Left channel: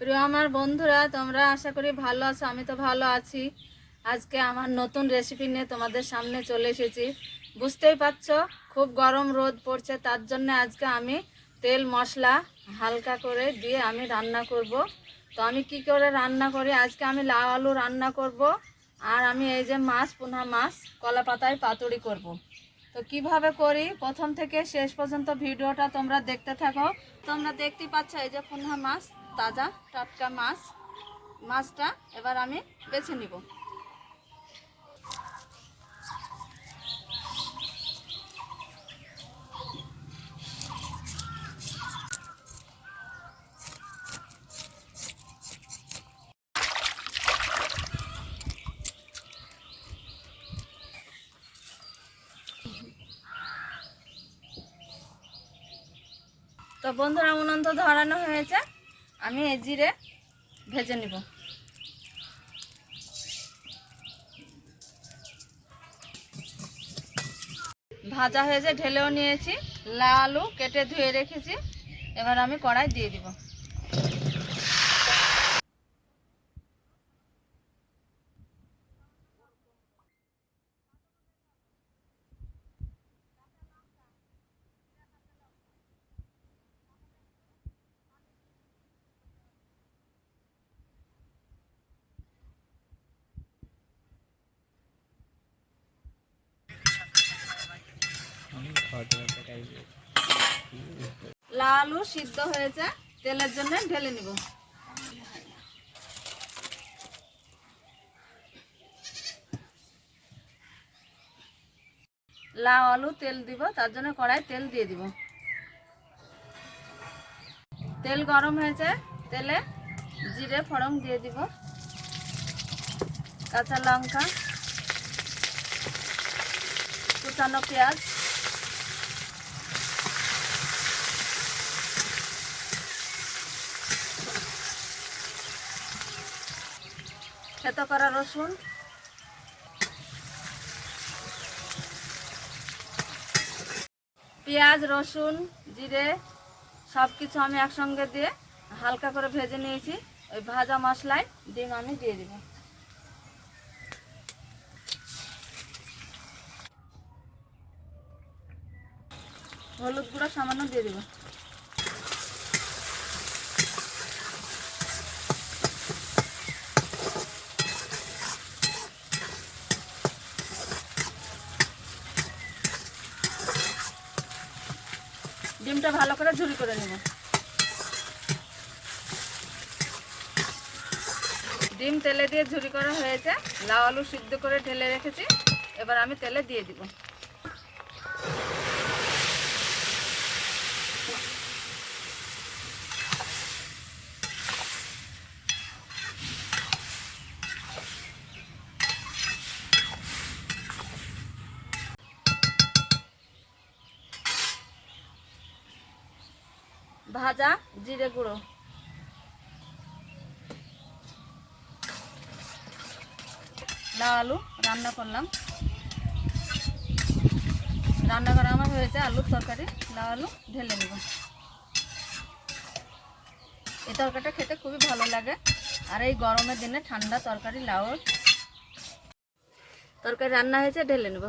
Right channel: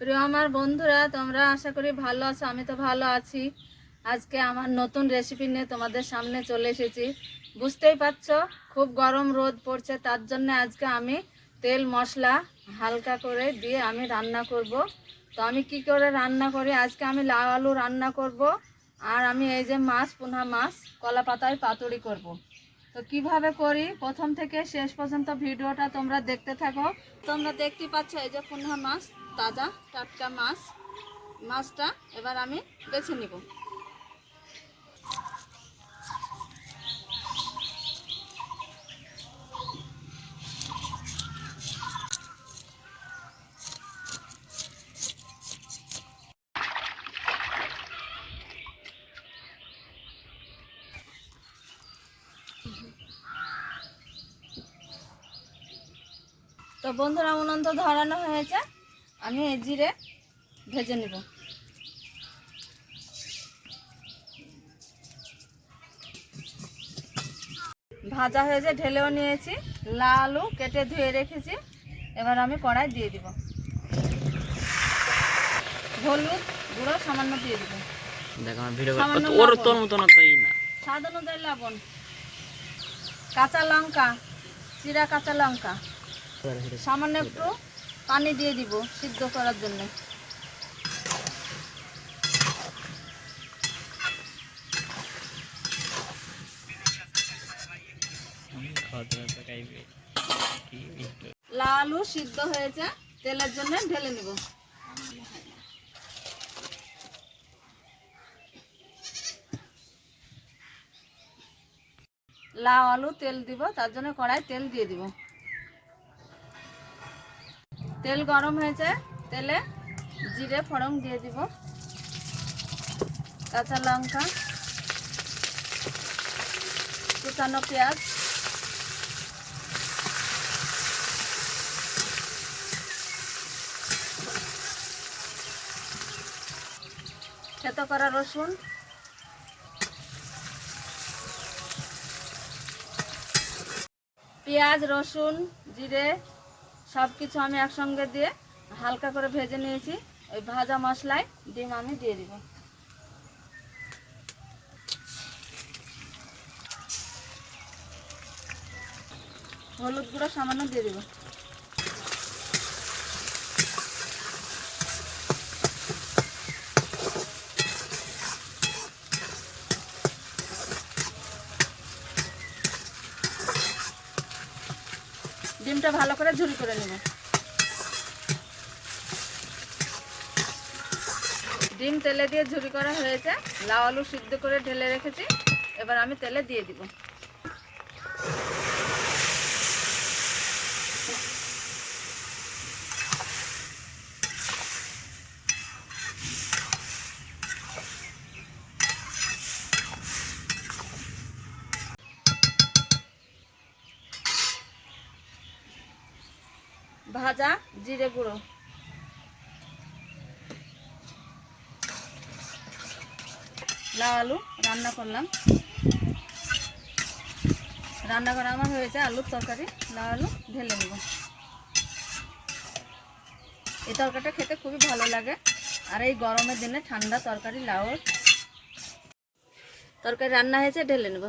প্রিয় আমার বন্ধুরা, তোমরা আশা করি ভালো আছো, আমি তো ভালো আছি। আজকে আমার নতুন রেসিপি নিয়ে তোমাদের সামনে চলে এসেছি। বুঝতেই পারছ, খুব গরম রোদ পড়ছে, তার জন্য আজকে আমি তেল মশলা হালকা করে দিয়ে আমি রান্না করব। তো আমি কি করে রান্না করি? আজকে আমি লাউ আলু রান্না করব, আর আমি এই যে মাছ, পুনা মাছ, কলা পাতায় পাতুড়ি করব। তো কীভাবে করি? প্রথম থেকে শেষ পর্যন্ত ভিডিওটা তোমরা দেখতে থাকো। তোমরা দেখতে পাচ্ছ এই যে পুনঃ মাছ তাজা টাটকা মাছ মাছটা এবার আমি বেছে নিব। তো বন্ধুরা উনন্ত ধরানো হয়েছে। আমি এই জিরে ভেজে নিব। ভাজা হয়েছে ঢেলেও নিয়েছি লাল কেটে ধুয়ে রেখেছি এবার আমি কড়াই দিয়ে দিব। হলুদ গুঁড়ো সামান্য দিয়ে দিব। স্বাদ অনুযায়ী লবণ। কাঁচা লঙ্কা চিরা কাঁচা লঙ্কা। সামান্য একটু পানি দিয়ে দিব সিদ্ধ করার জন্য। লাল আলু সিদ্ধ হয়েছে তেলের জন্য ঢেলে নিব। লাউ আলু তেল দিব তার জন্য কড়াই তেল দিয়ে দিব। তেল গরম হয়েছে তেলে জিরে ফড়ং দিয়ে দিব। কাঁচা লঙ্কা, কুচানো পেঁয়াজ। থেতো করা রসুন। পেঁয়াজ, রসুন, জিরে সব কিছু আমি একসঙ্গে দিয়ে হালকা করে ভেজে নিয়েছি। ওই ভাজা মশলায় ডিম আমি দিয়ে দিব। হলুদ গুঁড়ো সামান্য দিয়ে দিব ডিমটা ভালো করে ঝুল করে নেব। ডিম তেলে দিয়ে ঝুরি করা হয়েছে, লাউ আলু সিদ্ধ করে ঢেলে রেখেছি, এবার আমি তেলে দিয়ে দিব। ভাজা জিরে গুঁড়ো। লাউ আলু রান্না করলাম। রান্না করা আমার হয়েছে আলুর তরকারি। লাউ আলু ঢেলে নেব। এই তরকারিটা খেতে খুবই ভালো লাগে। আর এই গরমের দিনে ঠান্ডা তরকারি লাউর। তরকারি রান্না হয়েছে, ঢেলে নেব।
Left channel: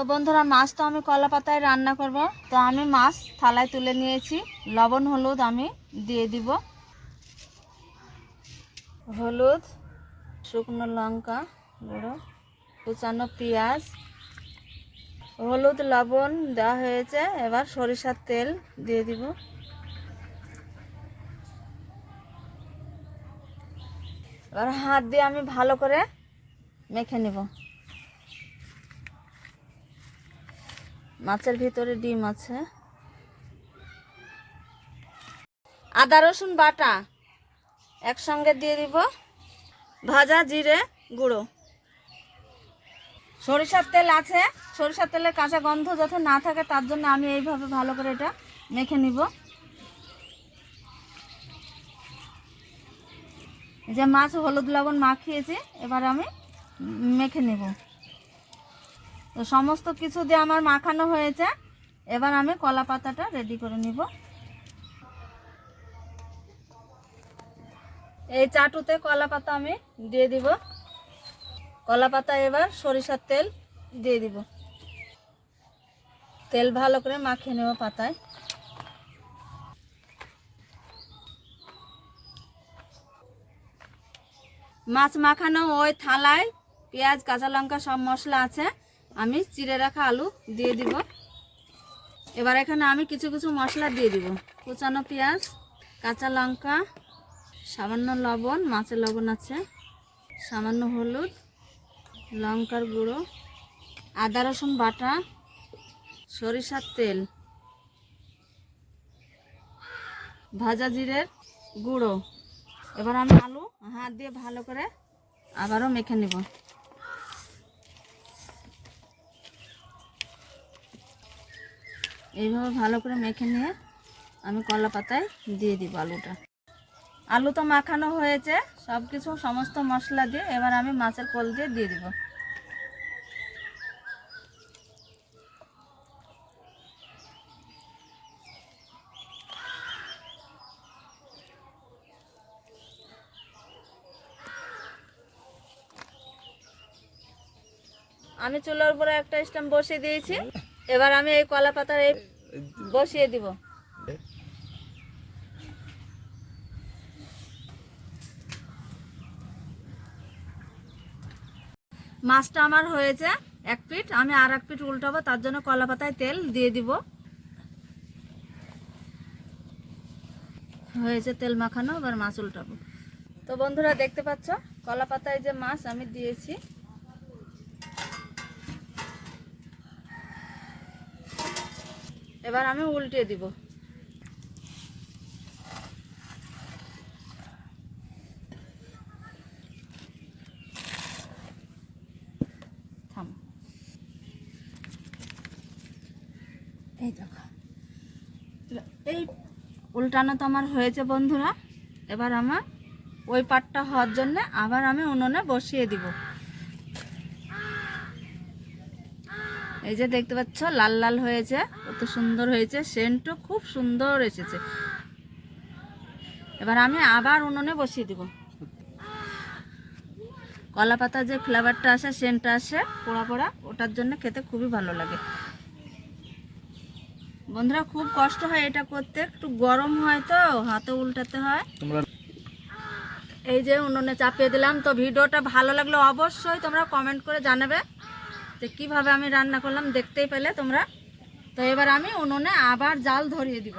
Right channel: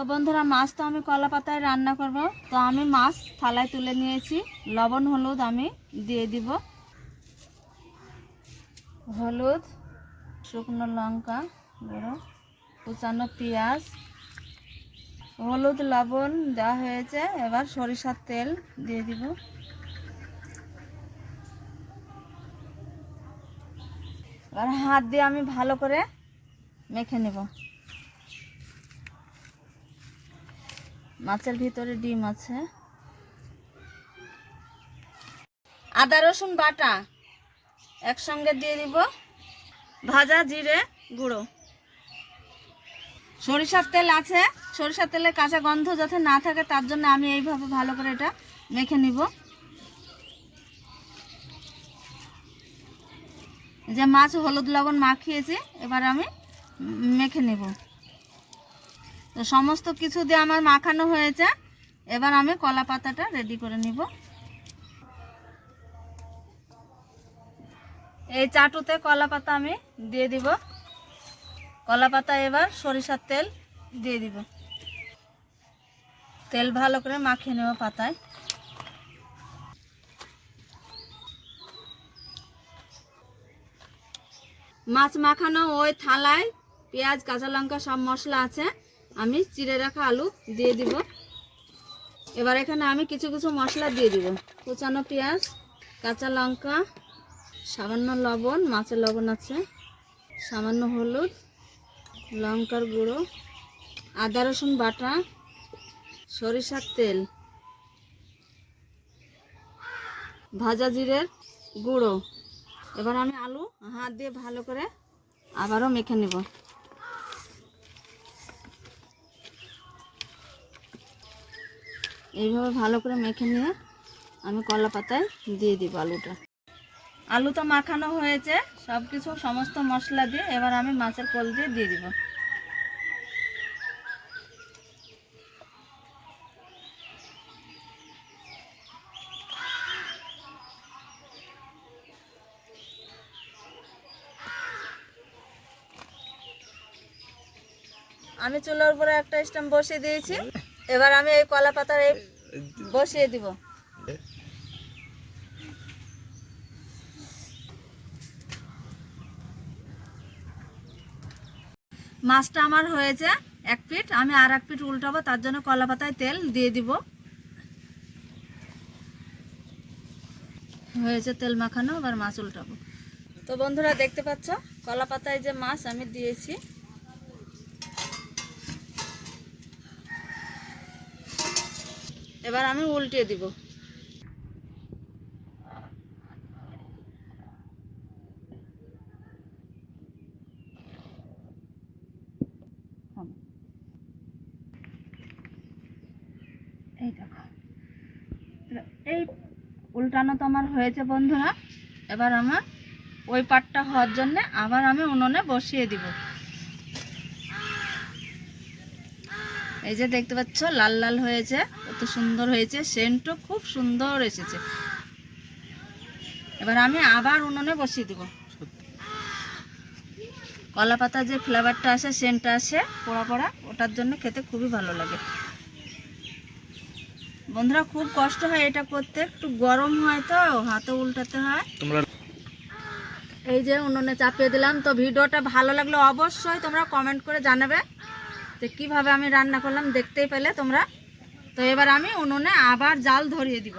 তো বন্ধুরা, মাছ তো আমি কলা পাতায় রান্না করব। তো আমি মাছ থালায় তুলে নিয়েছি। লবণ, হলুদ আমি দিয়ে দিব। হলুদ, শুকনো লঙ্কা গুঁড়ো, কুচানো পেঁয়াজ, হলুদ, লবণ দেওয়া হয়েছে। এবার সরিষার তেল দিয়ে দিব। এবার হাত দিয়ে আমি ভালো করে মেখে নেব। মাছের ভিতরে ডিম আছে। আদা, রসুন, বাটা একসঙ্গে দিয়ে দিব। ভাজা জিরে গুঁড়ো। সরিষার তেল আছে। সরিষার তেলের কাঁচা গন্ধ যাতে না থাকে, তার জন্য আমি এইভাবে ভালো করে এটা মেখে নিব। যে মাছ হলুদ লবণ মাখিয়েছি, এবার আমি মেখে নেব। তো সমস্ত কিছু দিয়ে আমার মাখানো হয়েছে। এবার আমি কলা পাতাটা রেডি করে নিব। এই চাটুতে কলা পাতা আমি দিয়ে দিব। কলা পাতা এবার সরিষার তেল দিয়ে দিব। তেল ভালো করে মাখিয়ে নেব পাতায়। মাছ মাখানো ওই থালায় পেঁয়াজ, কাঁচা লঙ্কা সব মশলা আছে। আমি চিড়ে রাখা আলু দিয়ে দিব। এবার এখানে আমি কিছু কিছু মশলা দিয়ে দিব। কুচানো পেঁয়াজ, কাঁচা লঙ্কা, সামান্য লবণ মাছের লবণ আছে, সামান্য হলুদ, লঙ্কার গুঁড়ো, আদা, রসুন বাটা, সরিষার তেল, ভাজা জিরের গুঁড়ো। এবার আমি আলু হাত দিয়ে ভালো করে আবারও মেখে নেব। এইভাবে ভালো করে মেখে নিয়ে আমি কলা পাতায় দিয়ে দিব আলুটা। আলু তো মাখানো হয়েছে সব কিছু সমস্ত মশলা দিয়ে এবার আমি মাছের কল দিয়ে দিয়ে দিব। আমি চুলার উপরে একটা স্ট্যাম্প বসিয়ে দিয়েছি। এবার আমি এই কলা পাতার এই বসিয়ে দিব। মাছটা আমার হয়েছে এক পিঠ, আমি আর এক পিঠ উল্টাবো, তার জন্য কলা পাতায় তেল দিয়ে দিব। হয়েছে তেল মাখানো, এবার মাছ উল্টাবো। তো বন্ধুরা, দেখতে পাচ্ছ, কলা পাতায় যে মাছ আমি দিয়েছি। এবার আমি উল্টে দিব। এই দেখো। এই উল্টানো তো আমার হয়েছে বন্ধুরা। এবার আমার ওই পাটটা হওয়ার জন্য আবার আমি উনুনে বসিয়ে দিব। এই যে দেখতে পাচ্ছ, লাল লাল হয়েছে। কত সুন্দর হয়েছে সেন্টও খুব সুন্দর এসেছে। এবার আমি আবার উনুনে বসিয়ে দিব। কলা পাতা যে ফ্লেভারটা আসে সেন্টটা আসে পোড়া পোড়া ওটার জন্য খেতে খুবই ভালো লাগে। বন্ধুরা খুব কষ্ট হয় এটা করতে একটু গরম হয় তো হাতে উল্টাতে হয়। তোমরা এই যে উনুনে চাপিয়ে দিলাম তো ভিডিওটা ভালো লাগলে অবশ্যই তোমরা কমেন্ট করে জানাবে যে কীভাবে আমি রান্না করলাম দেখতেই পেলে তোমরা। তো এবার আমি উনুনে আবার জাল ধরিয়ে দিব।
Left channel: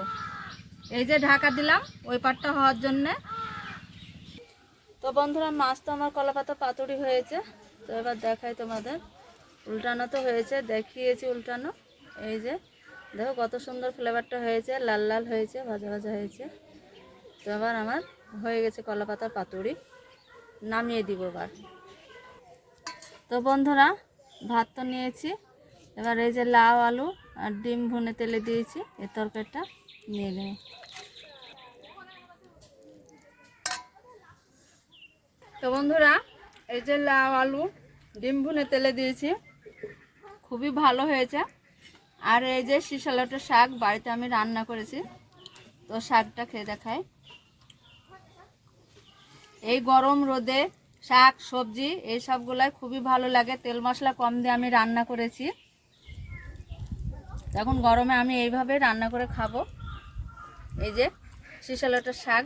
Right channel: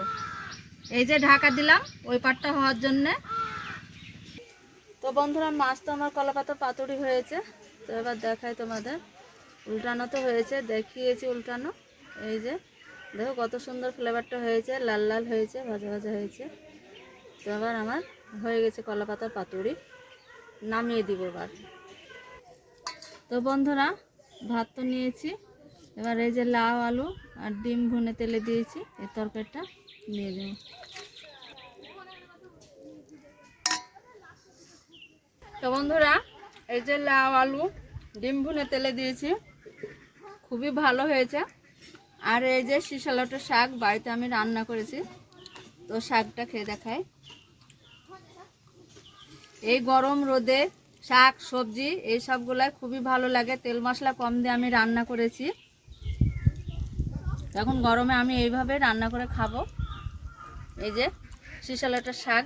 এই যে ঢাকা দিলাম, ওই পাটটা হওয়ার জন্যে। তো বন্ধুরা, মাছ তো আমার কলাপাতা পাতুরি হয়েছে। তো এবার দেখাই তোমাদের। উল্টানো তো হয়েছে, দেখিয়েছি উল্টানো। এই যে, দেখো কত সুন্দর ফ্লেভারটা হয়েছে, লাল লাল হয়েছে, ভাজা ভাজা হয়েছে। তো এবার আমার হয়ে গেছে কলাপাতা পাতুরি। নামিয়ে দিব এবার। তো বন্ধুরা, ভাত তো নিয়েছি। এবার এই যে লাউ, আলু আর ডিম ভুনে তেলে দিয়েছি। এই তরকারিটা নিয়ে নেব। তো বন্ধুরা, এই যে লাউ, আলু, ডিম ভুনে তেলে দিয়েছি। খুবই ভালো হয়েছে। আর এই যে শিশালটের শাক বাড়িতে আমি রান্না করেছি। তো শাকটা খেয়ে দেখাই। এই গরম রোদে শাক, সবজি, এই সবগুলাই খুবই ভালো লাগে। তেল মশলা কম দিয়ে আমি রান্না করেছি। তখন গরমে আমি এইভাবে রান্না করে খাব। এই যে শিশালটার শাক।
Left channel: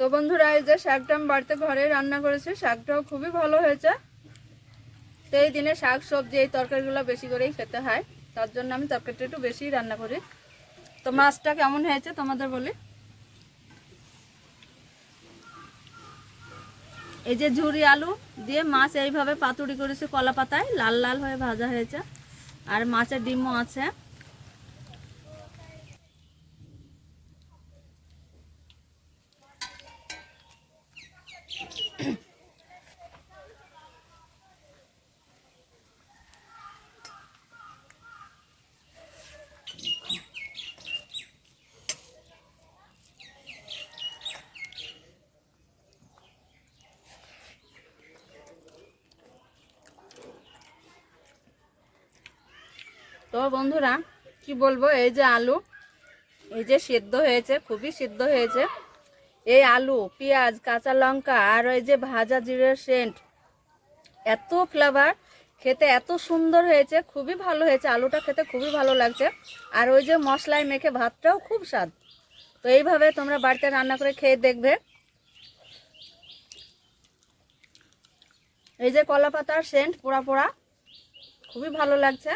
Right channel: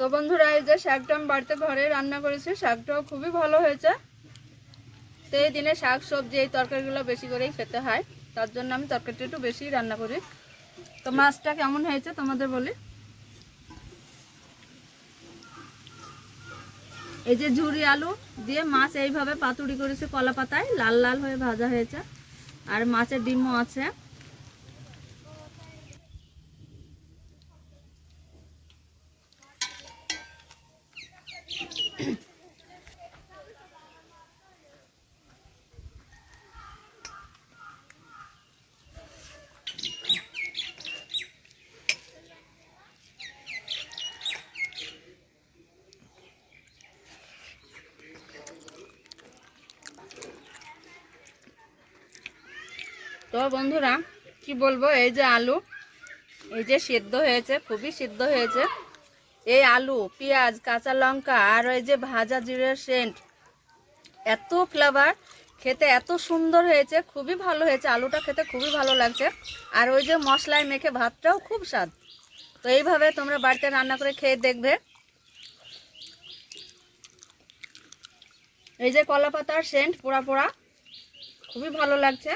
তো বন্ধুরা, এই যে শাকটা আমি বাড়িতে ঘরে রান্না করেছি, শাকটাও খুবই ভালো হয়েছে। তো এই দিনে শাক, সবজি এই তরকারিগুলো বেশি করেই খেতে হয়। তার জন্য আমি তরকারিটা একটু বেশি রান্না করি। তো মাছটা কেমন হয়েছে তোমাদের বলি? এই যে ঝুরি আলু দিয়ে মাছ এইভাবে পাতুড়ি করেছে কলা পাতায় লাল লাল হয়ে ভাজা হয়েছে। আর মাছের ডিমও আছে। তো বন্ধুরা, কি বলব, এই যে আলু, এই যে সিদ্ধ হয়েছে, খুবই সিদ্ধ হয়েছে। এই আলু, পেঁয়াজ, কাঁচা লঙ্কা আর ওই যে ভাজা জিরের সেন্ট, এত ফ্লেভার খেতে এত সুন্দর হয়েছে, খুবই ভালো হয়েছে, আলুটা খেতে খুবই ভালো লাগছে। আর ওই যে মশলায় মেখে ভাতটাও খুব স্বাদ। তো এইভাবে তোমরা বাড়িতে রান্না করে খেয়ে দেখবে। এই যে কলা পাতার সেন্ট, পোড়া পোড়া, খুবই ভালো লাগছে।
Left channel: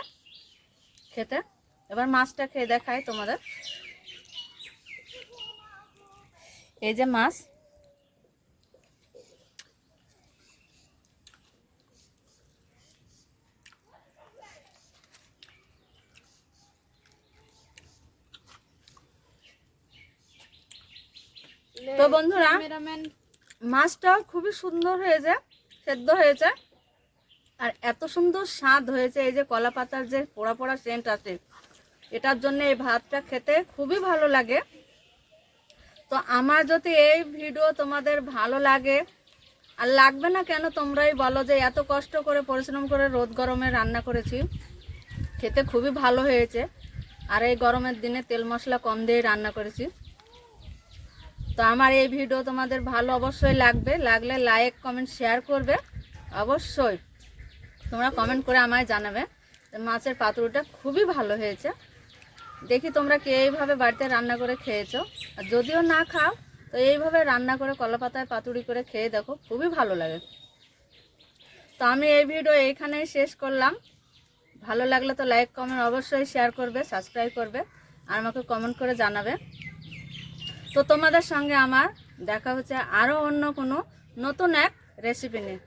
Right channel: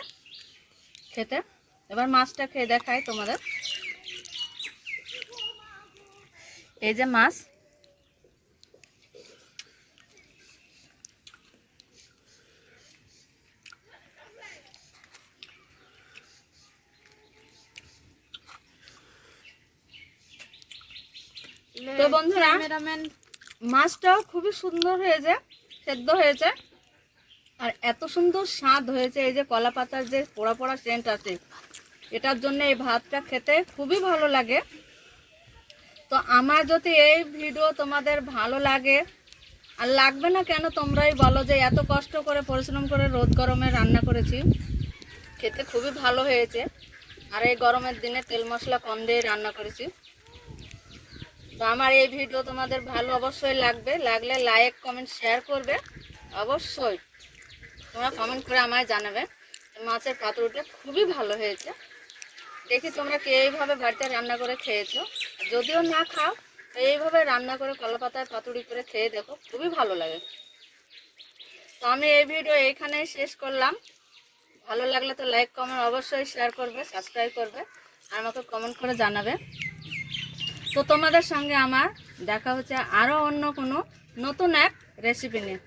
খেতে। এবার মাছটা খেয়ে দেখাই তোমাদের। এই যে মাছ। তো বন্ধুরা মাছটাও খুবই সুন্দর হয়েছে সেদ্ধ হয়েছে। আর এত সুন্দর স্বাদ হয়েছে, এই যে কলা পাতার যে পোড়া পোড়া সেন্ট আছে। এটার জন্য এই ভাতটা খেতে খুবই ভালো লাগে। তো আমার যদি এই ভিডিও তোমাদের ভালো লাগে, আর লাগবে না কেন তোমরাই বলো যে এত কষ্ট করে পরিশ্রম করে রোদ গরমে রান্না করেছি। খেতে খুবই ভালো হয়েছে। আর এই গরমের দিনে তেল মশলা কম দিয়ে রান্না করেছি। তো আমার এই ভিডিও তোমাদের ভালো অবশ্যই লাগবে। লাগলে লাইক কমেন্ট শেয়ার করবে। অবশ্যই। তোমরা কমেন্ট করে আমায় জানাবে। মাছের পাতুরিটা খুবই ভালো হয়েছে। দেখি তোমরা কে এইভাবে বাড়িতে রান্না করে খেয়েছো। আর যদিও না খাও, তো এইভাবে রান্না করে কলা পাতায় পাতুরি করে খেয়ে দেখো, খুবই ভালো লাগে। তো আমি এই ভিডিও এইখানেই শেষ করলাম। ভালো লাগলে তো লাইক কমেন্ট অবশ্যই শেয়ার করবে সাবস্ক্রাইব করবে, আর আমাকে কমেন্ট করে জানাবে। তো তোমাদের সঙ্গে আমার দেখা হচ্ছে আরও অন্য কোনো নতুন এক রেসিপি নিয়ে।